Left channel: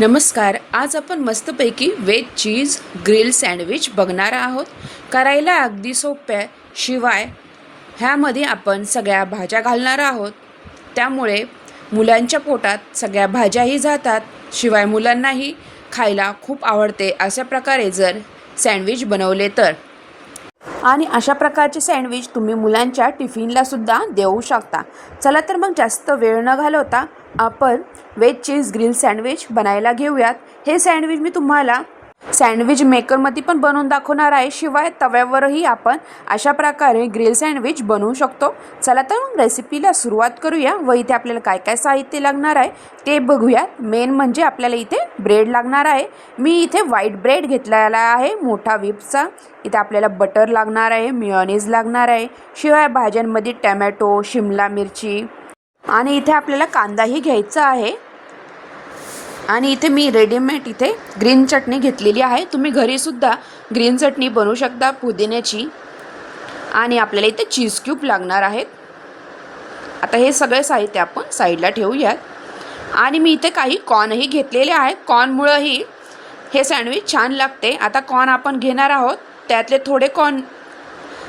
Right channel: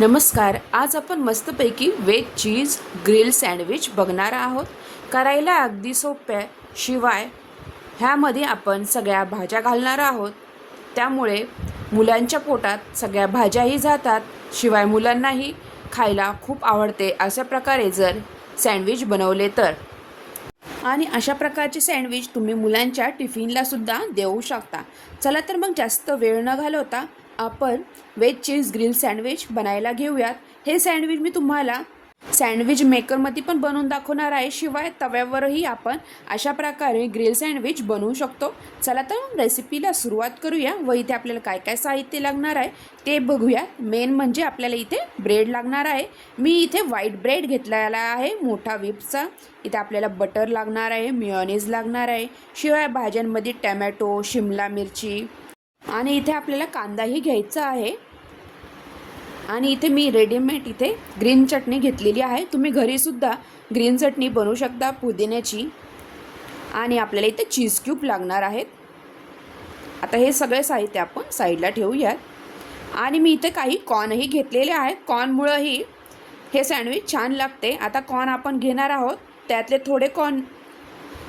नमस्कार. आज आपण मस्तपैकी वेज चीज ग्रिल सँडविच बघणार आहोत. करायला अगदी सोप्या, शिवाय ह्यामध्ये आपण सगळ्या भाज्या घालणार आहोत. त्यामुळे मुलांच्या पोटात सगळ्या भाज्याही जातात, शिवाय मुलांनाही खायला खूप आवडते. अशा प्रकारे जर सँडविच बनवले तर आणि अशा प्रकारचे सँडविच तुम्ही मुलांच्या टिफिनलासुद्धा देऊ शकता. चला तर मग जास्त वेळ न घालवता आपण वेज चीज ग्रिल सँडविच बनायला घेऊयात. हे सँडविच मी तुम्हाला सँडविच मेकरमध्ये पण बनवून दाखवणार आहे, शिवाय तव्यावरही आपण अशा प्रकारे ग्रिल सँडविच बनवू शकतो. चला तर मग रेसिपीला सुरुवात करूया व इथे आपल्याला काय काय साहित्य लागणार आहे ते बघूयात. मेन म्हणजे आपल्याला इथे ब्रेड लागणार आहे. मी इथे व्हाईट ब्रेड घेतलेला आहे, मोठा व्हिपचा. इथे आपल्याला बटर लागणार आहे, मेयोनीज लागणार आहे, शिवाय भाज्यांमध्ये टमॅटो, शिमला मिरची आणि इथे आपल्याला कांदाही घ्यायचा आहे. आणि इथे मी रेडीमेड इथे ग्रीन चटणी घेतलेली आहे. तुम्ही घरीसुद्धा ग्रीन चटणी बनवू शकता पुदिन्याची. आणि आपल्याला इथे चीज क्यूब लागणार आहेत. आता हे सगळे साहित्य आपण साईडला ठेवूयात. आणि मी इथे काही कॉर्नही घेतलेले आहेत. कॉर्नमुळंही हे सँडविच छान लागते. आता कॉर्न आपण घेणार आहोत, त्यातले थोडे कॉर्न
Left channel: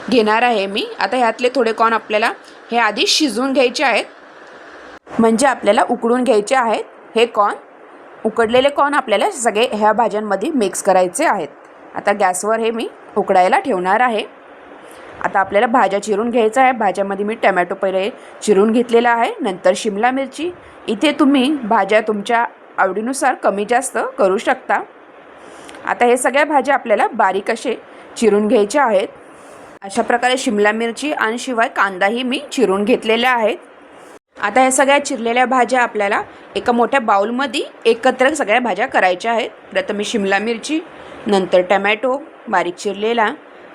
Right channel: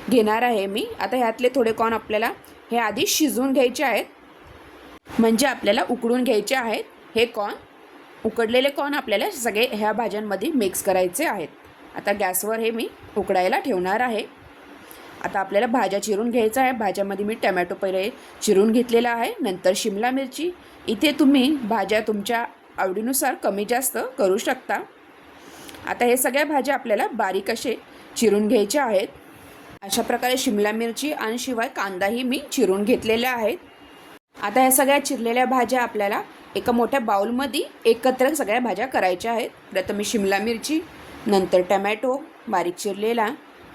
घेणार आहे मी. आता ह्यातले थोडे कॉर्न आपल्याला हे आधी शिजवून घ्यायचे आहेत, म्हणजे आपल्याला उकडून घ्यायचे आहेत. हे कॉर्न उकडलेले कॉर्न आपल्याला सगळे ह्या भाज्यांमध्ये मिक्स करायचे आहेत. आता गॅसवर हे मी उकडायला ठेवणार आहे. आता आपल्याला भाज्या चिरून घ्यायचं आहे. भाज्यामध्ये मी टमॅटो पहिले चिरून घेतलेला आहे, नंतर शिमला मिरची. इथे तुम्ही भाज्या तुमच्या आवडीनुसार कमी जास्त करू शकता. आता हे सगळ्या भाज्या आपल्याला बारीक असे चिरून घ्यायच्या आहेत. अशा प्रकारे शिमला मिरची आणि शिवाय कांदाही मी चिरून घेतलेल्या आहेत. आता ह्या सगळ्या चिरलेल्या भाज्या आपल्याला एका मोठ्या बाउलमध्ये एकत्र सगळ्या भाज्या करायच्या आहेत. प्रथम शिमला मिरची, नंतर टमॅटो बारीक चिरलेला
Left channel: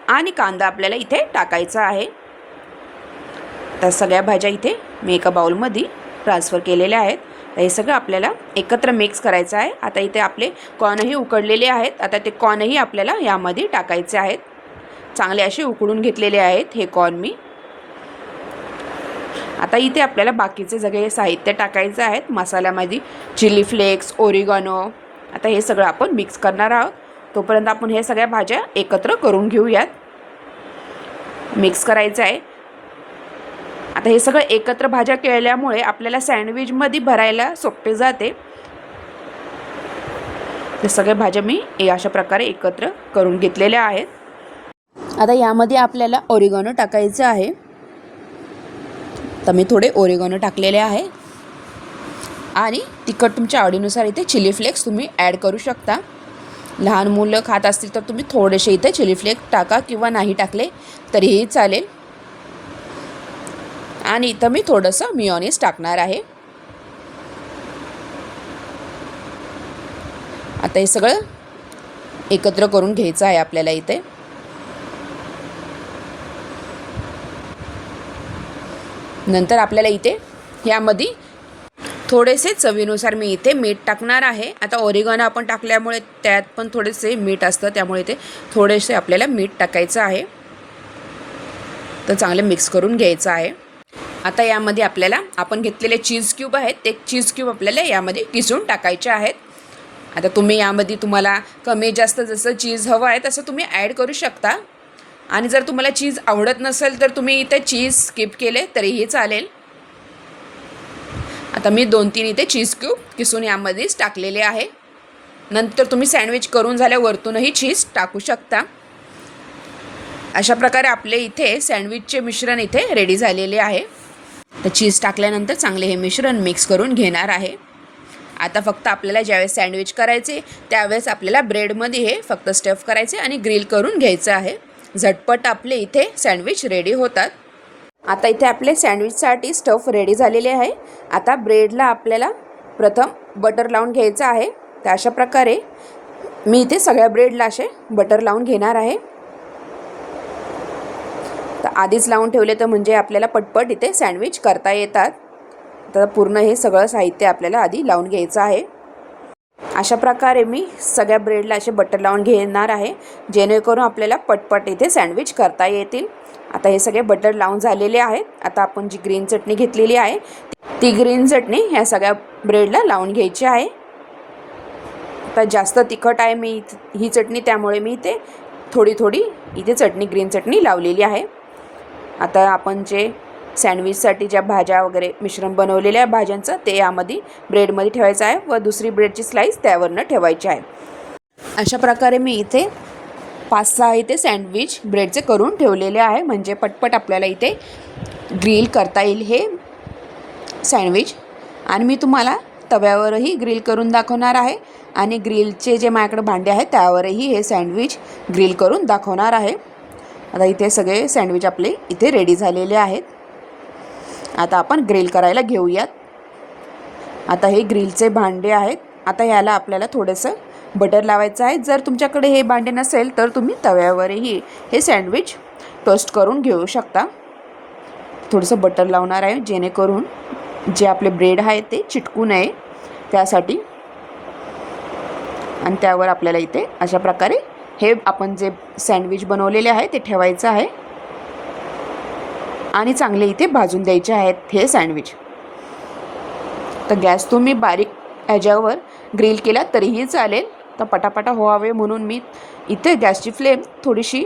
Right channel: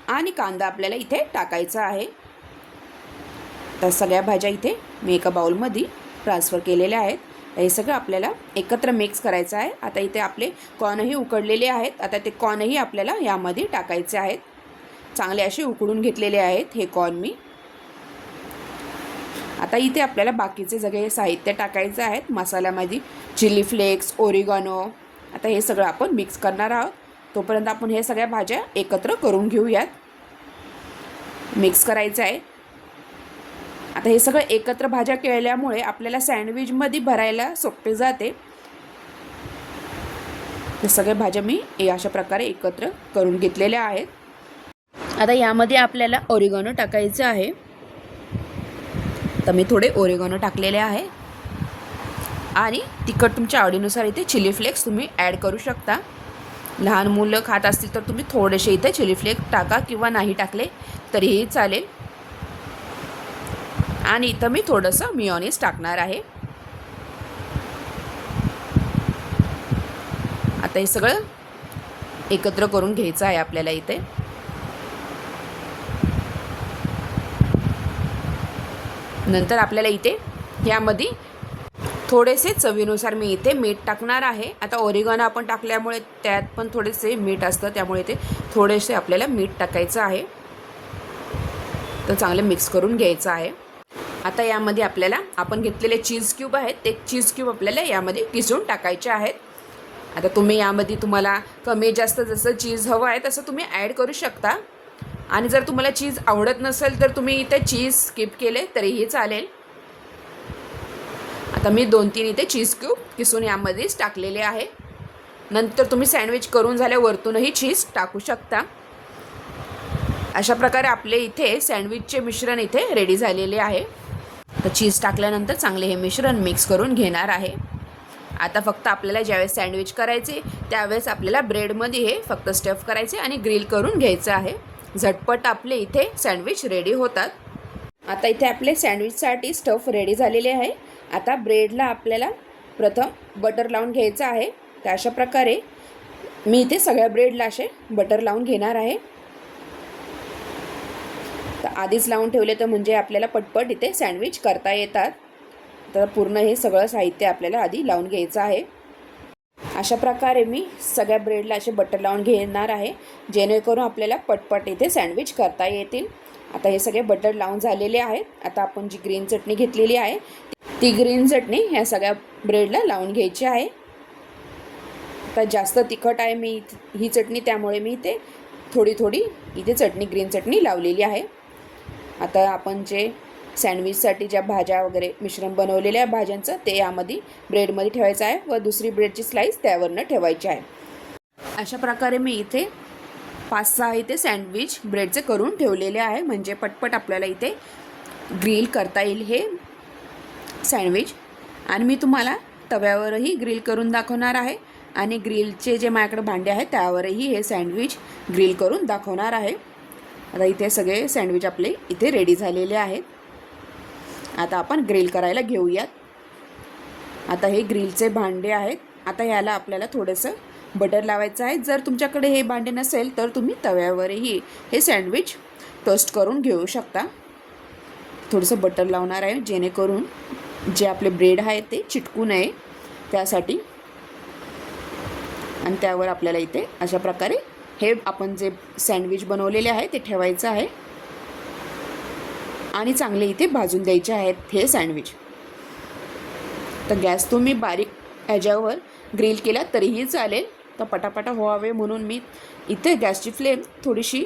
आणि कांदा आपल्याला इथे टाकायचा आहे. त्या सगळ्या भाज्या इथे मी एका बाउलमध्ये ट्रान्सफर केलेल्या आहेत. हे सगळं आपल्याला एकत्र मिक्स करायचं आहे. आता इथे आपले कॉर्नही उकडलेले आहेत. आता ते कॉर्नही आपल्याला यामध्ये टाकायचे आहेत. चांगले असे उकडून घेतलेले आहेत हे कॉर्न मी. आता इथे आपल्याला बाकीचे सगळे साहित्य टाकायचे आहेत. मसाल्यामध्ये चिली फ्लेक्स, ओरिगानो. आता हे सगळं आपण मिक्स करणार आहोत. तोपर्यंत आपण हे सगळ्या भाज्या एकत्र करून घेऊयात. मिक्स करायचं आहे. आता हे सगळं एकत्र भाज्या केल्यामुळे आपल्याला सँडविचमध्ये भरायला सोपे जाते. हे सगळ्या भाज्या मी अशा प्रकारे एकत्र करून घेतलेल्या आहेत. आता यामध्ये आपल्याला ओरिगानो टाकायचं आहे. तर मी थोडे ओरिगानो टाकलेले आहे. आणि तिखट तुमच्या आवडीनुसार इथे चिली फ्लेक्स तुम्ही ॲड करू शकता. लहान मुलं खात असतील तर तुम्ही थोडेसे इथे चिली फ्लेक्स टाका, किंवा नाही टाकले तरीही चालेल. आणि इथं मी थोडंसं मेयोनीज टाकणार आहे. आता हे सगळं एकत्र करून घ्यायचं आहे आपल्याला इथे. नंतर आपल्याला इथे यामध्ये थोडेसे चवीनुसार मी इथे मीठ टाकणार आहे. आता ओरिगानो आपण टाकल्यामुळे त्यात पण थोडेसे मीठ असतं, त्यामुळे इथे थोडेसे आपल्याला मीठ टाकायचं आहे. तर चांगले मिक्स करून घ्यायचं आहे. आता यामध्ये आपल्याला आपण घेतलेले चीज क्यूब आहेत, ते चीज क्यूब आपल्याला यामध्ये किसून टाकायचे आहेत. आता तुम्ही यामध्ये तुम्हाला कमी जास्त जसं चीज हवं आहे तसं तुम्ही ॲड करू शकता. आणि जर तुम्हाला चीज आवडत नसेल तर तुम्ही इथे चीज स्किप केले तरीही चालेल. आता मी 2-3 इथे चीज क्यूब किसून यामध्येच टाकलेले आहे. नंतर तुम्ही सँडविच करून झाल्यावरतूनही चीज टाकू शकता. अशा प्रकारे आपले इथे सँडविचचे मिश्रण इथे रेडी झालेले आहे. तर चीज टाकल्यानंतर चांगले हे मिश्रण मिक्स करून घेणार आहे. आता फक्त आपल्याला ज्यावेळेस सँडविच करायचे त्यावेळेस आपल्याला ब्रेडमध्ये हे फक्त स्टफ करायचे आणि ग्रिल करून घ्यायचं आहे. झटपट आपले इथे सँडविच रेडी होतात. आता इथे आपले सँडविचसाठी स्टफ रेडी झालेले आहे. आता ब्रेडला आपल्याला प्रथम बटर लावून घ्यायचं आहे. तर अशा प्रकारे मी इथे सगळ्या ब्रेडला असे बटर लावून घेणार आहे. तर आधीच लावून ठेवले तर म्हणजे आपल्याला पटपट इथे सँडविच करता येतात. तर पूर्ण हे सगळं साहित्य आपल्याला आधी लावून घ्यायचं आहे. अशा प्रकारे मी सगळ्या ब्रेडला असे बटर लावून घेणार आहे, जेणेकरून आपल्याला पटपट इथे सँडविच करता येतील. आता हे सगळे बटर लावून झालेले आहेत. आता आपण जी ग्रीन चटणी घेतलेली आहे ती ग्रीन चटणी ह्या सगळ्या ब्रेडला लावून घ्यायची आहे. आता जास्त तिखट आहे ही चटणी, त्यामुळे मी इथे थोडी इथे चटणी, ग्रीन चटणी लावलेली आहे. आता आपण जे सँडविचसाठी ज्या भाज्या वगैरे मिश्रण बनवलेल्या आहे भाज्यांचं, ते यामध्ये ब्रेडमध्ये ठेवायचं आहे व दुसरी ब्रेडची स्लाईस त्यावरनं ठेवायची आहे. अशा प्रकारे मी इथे 5-6 इथे सँडविच ब्रेडचे करून ठेवलेले आहे, म्हणजे पटपट आपल्याला इथे ग्रिल करता येईल हे सँडविच. आणि मी तुम्हाला तव्यावरही ग्रिल करून दाखवणार आहे आणि ग्रिलचे जे माझ्याकडे भांडे आहेत त्यावरही हे सँडविच ग्रिल करून दाखवणार आहे. आता इथे सगळे सँडविच आपले इथे रेडी झालेले आहेत. आता आपण ग्रिल करायला घेऊयात. आता हे ग्रिलचे भांडे आहेत. आता ह्याला आपल्याला थोडंसं बटर लावायचं आहे. जर तुमच्याकडे हे भांडे नसेल तर तुम्ही तव्यावरही हे सँडविच टोस्ट करून घेऊ शकता. थोडंसं बटर लावणार आहे जेणेकरून जे आपले ब्रेड आहे ते चिटकू नये त्यासाठी. आणि त्यावर आपल्याला इथे अशा प्रकारे हे आपण जे सँडविच बनवलेले आहे ते ठेवायचं आहे आणि चांगले इथे भाजून द्यायचे आहेत हे सँडविच. तर गॅस तुम्ही बारीक ह्याच्यावर ग्रिल केला तरीही चालेल. तर पटापटा व्हावे म्हणून मी इथे गॅसची फ्लेम थोडीशी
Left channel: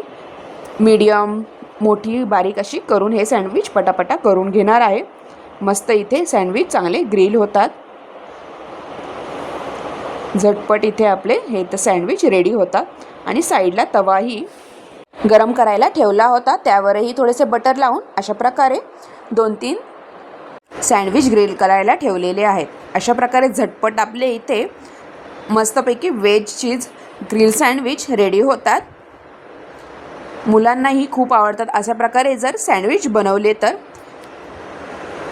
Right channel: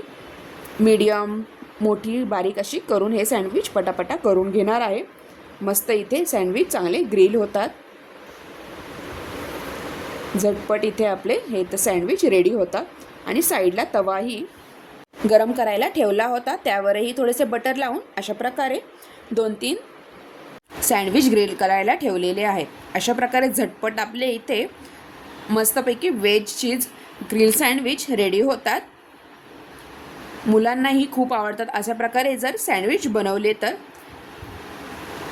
मीडियम, मोठी, बारीक अशी करून हे सँडविच पटापटा करून घेणार आहे. मस्त इथे सँडविच चांगले ग्रिल होतात. झटपट इथे आपले हे तर सँडविच रेडी होतात. आणि साईडला तवाही गरम करायला ठेवला होता, त्यावरही थोडेसे बटर लावून अशा प्रकारे 2-3 सँडविच ग्रिल करायला ठेवलेले आहेत. अशा प्रकारे झटपट आपले इथे मस्तपैकी veg cheese grill sandwich ready होतात. मुलांनाही खूप आवडतात. अशा प्रकारे जर सँडविच बनवले तर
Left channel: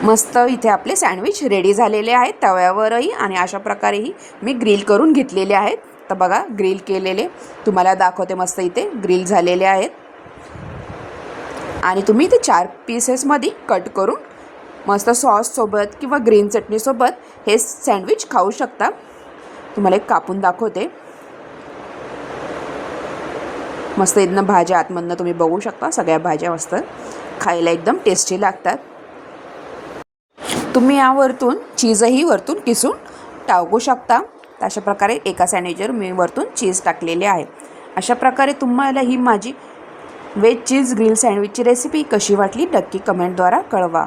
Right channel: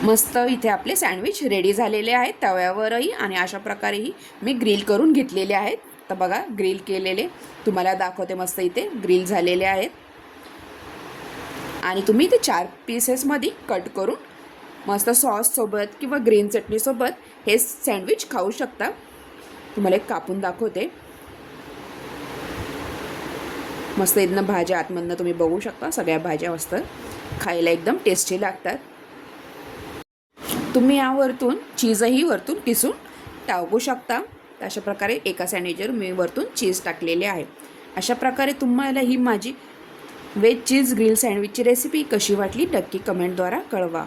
मस्त इथे आपले सँडविच रेडी झालेले आहेत तव्यावरही. आणि अशा प्रकारेही मी ग्रिल करून घेतलेले आहेत. तर बघा ग्रिल केलेले तुम्हाला दाखवते. मस्त इथे ग्रिल झालेले आहेत. आणि तुम्ही इथे 4 पीसेसमध्ये कट करून मस्त सॉससोबत किंवा ग्रीन चटणीसोबत हे सँडविच खाऊ शकता. तुम्हाला एक कापून दाखवते. मस्त इथनं भाज्या आतमधनं तुम्ही बघू शकता. सगळ्या भाज्या मस्त खायला एकदम टेस्टी लागतात. तुम्ही यावरतून चीजही वरतून किसून टाकू शकता. तर अशा प्रकारे एका सँडविचवर मी वरतून चीज टाकलेले आहे. अशा प्रकारे तुम्हाला ही माझी व्हेज चीज ग्रिल सँडविचची रेसिपी कशी वाटली नक्की कमेंटद्वारा कळवा.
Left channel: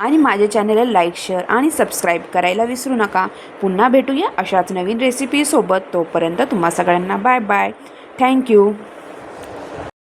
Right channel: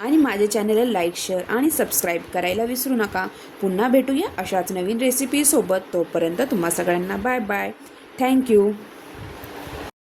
आणि माझ्या चॅनलला लाईक, शेअर आणि सबस्क्राईब करायला विसरू नका. पुन्हा भेटूया अशाच नवीन रेसिपीसोबत. तोपर्यंत तुम्हा सगळ्यांना बाय बाय. थँक्यू.